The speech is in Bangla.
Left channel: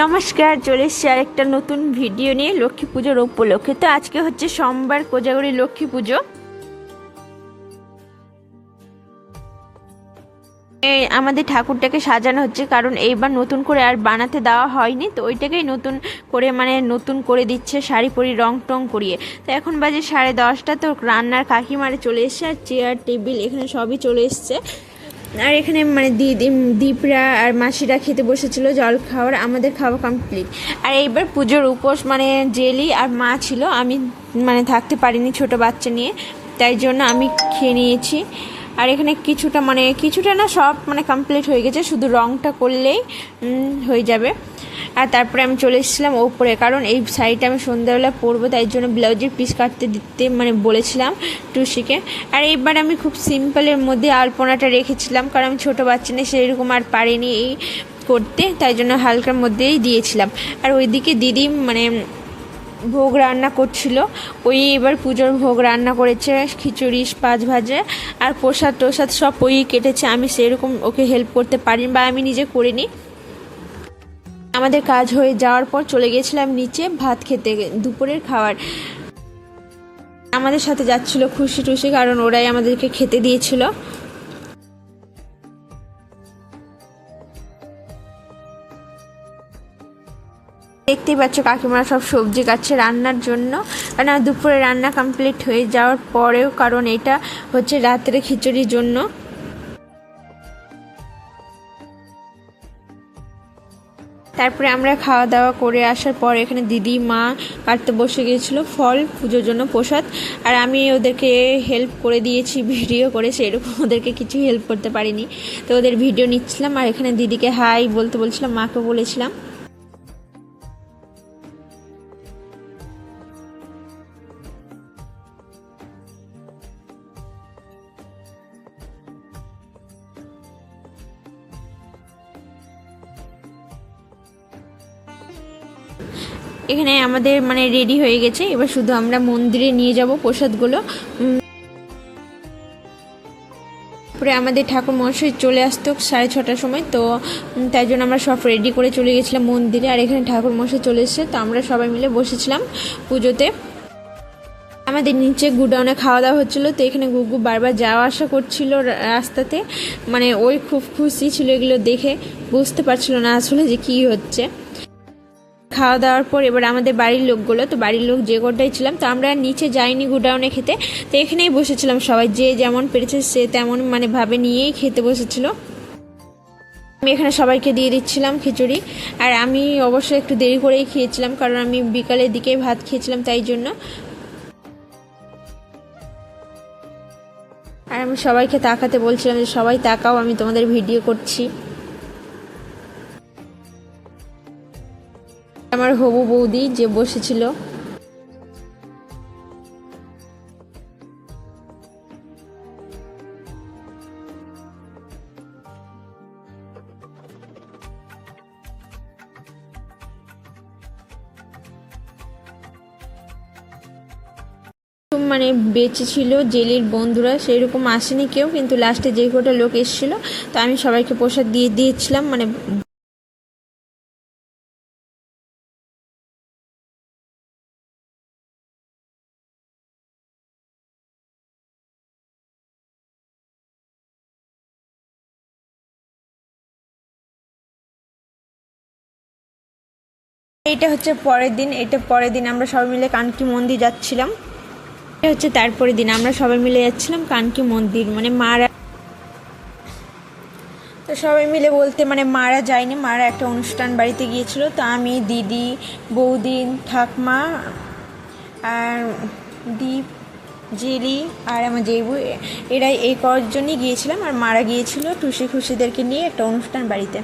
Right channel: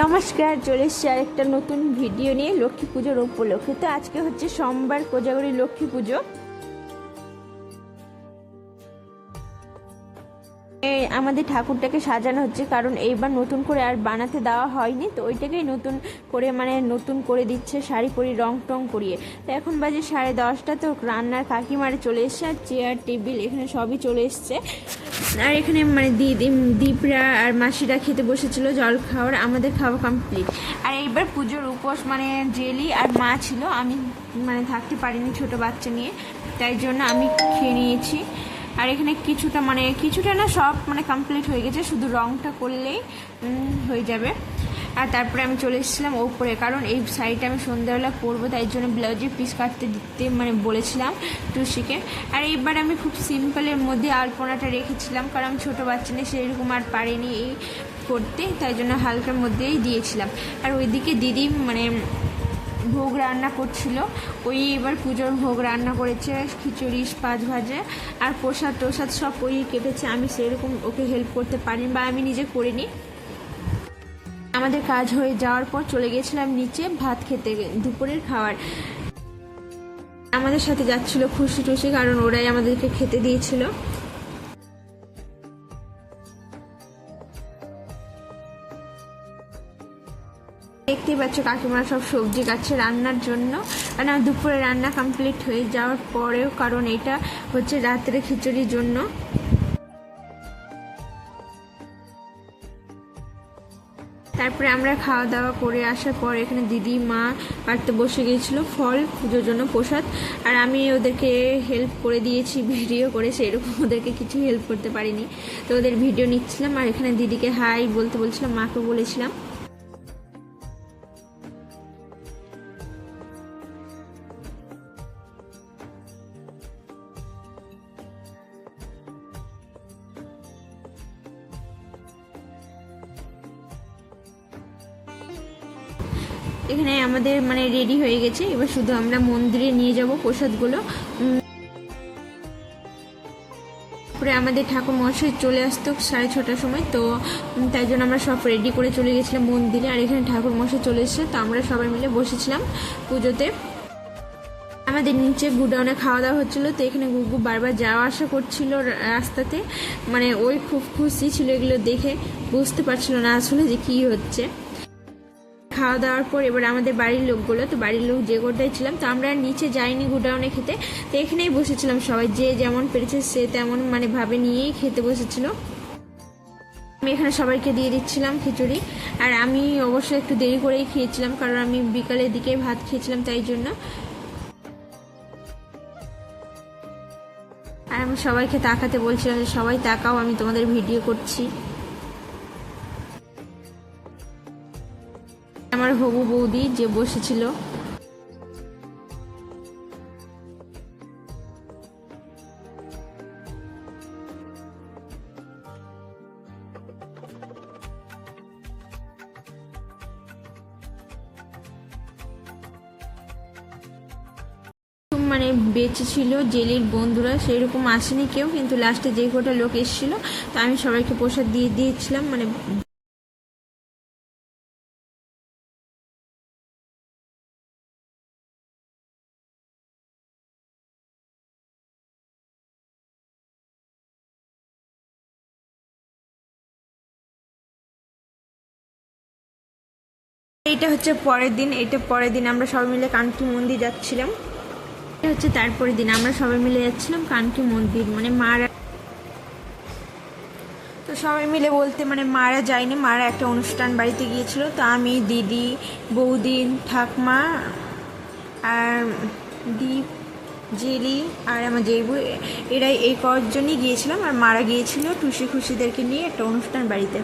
নমস্কার, চলে এসেছি আরেকটা নতুন ভিডিও নিয়ে লক্ষ্মী পুজোর উপলক্ষে। তো আজকে হচ্ছে সোমবার, কোজাগরী লক্ষ্মী পুজো। আমাদের ঠাকুরটাকে সাজানো হচ্ছে, কারণ এইবার নতুন করে আর বানাতে দেওয়া হয়নি, তো ওইটাকেই নতুন করে নতুন করে দিচ্ছে, শাড়ি পরি রং টং করিয়ে। তো এখন বাজে 10:30। তো রান্নার কাকিমারে চলে এসছে, আর চেয়ার টেবিল এখানে সবই চলে এসছে। আর এখানে দীপরা আর মাসিরা খেতে বসেছিল জল খাওয়ার, আমাদের খাওয়া কমপ্লিট। আর এইবার পুজোর উপোস জেলি আর মা ছিল, আমি থাকতে পারিনি ছোট বাচ্চা নিয়ে, তাই জন্য আমি খেয়ে নিয়েছি। আর এখানে কিছুটা না সব কমপ্লিট হয়ে গেছে, শুধু রংটা করলেই হয়ে যাবে। আর তারপরে আমি চলে এসেছিলাম ওপরে, কারণ এই শাড়িটা আমি সন্ধ্যাবেলা পরবো, তাই জন্য ব্লাউজের পিস কাটতে দিতে বলেছিলাম টুসিকে। আর এইবার আমি খুব সিম্পলের মধ্যে আলপনাটা রেখেছিলাম, কারণ আমি ছোটো বাচ্চা নিয়ে সেরকম আর পারিনি এই করতে, তাই জন্য হালকার মধ্যেই দিয়েছিলাম। আর ওইদিকে দিদি ভোগ রান্না করছিল, ওই এবার পুজোর ভোগ রান্না করেছে, খিচুড়ি, পাঁচ ভাজা আর প্রসাদ টোসাদ সব ওই কেটেছে। আমি সেরকম ওকে হেল্প করতে পারিনি বা আমি নিজে করিনি। আমাদের কাজ হয়ে যাওয়ার পর চলে গেছিলাম নিচে ভাত খেতে, দুপুরের খাবার। আমাদের সাথে যাচ্ছিল খুশি টুসি, কারণ ওরাই আমাদেরকে খেতে দিয়েছিল। দেখতেই পাচ্ছ কাকিমারা সব সবজি কাটছে রান্নার জন্য, কারণ দুপুরে রান্না কমপ্লিট হয়ে যাওয়ার পরেও, কারণ এটা হচ্ছে রাত্রে খিচুড়ির জন্য। তারপরে আমরা খাওয়া দাওয়া করে আসার পর এখানে দিদি মা কাটতে বসে গিয়েছিলো ফল পুজোর জন্য প্রসাদ, আর আমি ওদেরকে হেল্প করে দিয়েছি ভিডিও করে, সেরকম ওদেরকে কিছু হেল্প করতে পারিনি, তো ওদের ভিডিও নিচ্ছিলাম। আর এখানে দিদিকে হাই বলতে বলছিলাম, মাকে বলেছিলাম। এখানে আমাদের রেডি হয়ে গেছে, এবার শুধু আমরা মন্দিরে নিয়ে যাব প্রসাদগুলো। তারপরে আমাদের ঠাকুর মহাশয় চলে আসতো 6:30টার সময়, তো তাই জন্য আমরা সব রেডি করে চলে গেছিলাম মন্দিরে। আর এখানে ঠাকুর মহাশয় চলে এসেছে, তো আমরা সবাই মিলে বসেছিলাম পুজোতে। আমাদের নিচে গুডাউনে খাওয়া দাওয়া হচ্ছিলো, তো এখানে গুগু বারবার যাওয়া আসা করছিল রাস্তাতে, ওই খুব খুশি ছিল এগুলো দেখে, বুঝতে পারছিল না আসলে যে কী হচ্ছে। খাওয়া দাওয়ার পর এবার আমাদের বাড়ির লোকগুলো, তো বাড়ির লোক যে কটাই ছিলাম, তো আমরা নিচে যাইনি গুডাউনে খেতে, তো এখানেই বসেছিলাম সবাই, যে যেমন পেরেছে সে তেমন ভাবে নিয়েই খেতে বসেছিল। আমি এখানে সবাইকে দিয়ে দিচ্ছিলাম খিচুড়ি, আর আমি অবশ্যই একটু দেরি করেই খেয়েছিলাম, কারণ আমি বিকালের দিকে ভাত খেয়েছিলাম, তাই জন্য। আর আমি সবাইকে তাকাতে বলছিলাম যে সবাই তাকাও, আমি তোমাদের ভিডিও করছি। আমার হবু বৌদি যে বসেছিল, বেঁচে ছিল জেলির বন্ধুরা, সেরকম আসেনি কেউ, কিন্তু লাস্টে যে কটা লোক এসেছিল, তো আমি সবাইকে প্রসাদ দিয়ে দিয়েছিলাম। এটা হচ্ছে পরের দিন, আমরা সবাই মিলে কানকি মন্দির যাচ্ছিলাম। এটা হচ্ছে তারপরের দিন আমরা সবাই মিলে যাচ্ছিলাম কানকি মন্দির, মারা, তো সবাই মিলে বলতে মারা যায়নি, মারা একটা অনুষ্ঠান বাড়িতে গিয়েছিল, তো আমি, দিদি, বৌদি, ঠাকমা আর দীপ, জেলি আর আমার জেবু, এরাই এই কয়েকজনই গিয়েছিলাম। আর মারা গিয়েছিল টুসি খুশিদেরকে নিয়ে একটা অনুষ্ঠান বাড়িতে।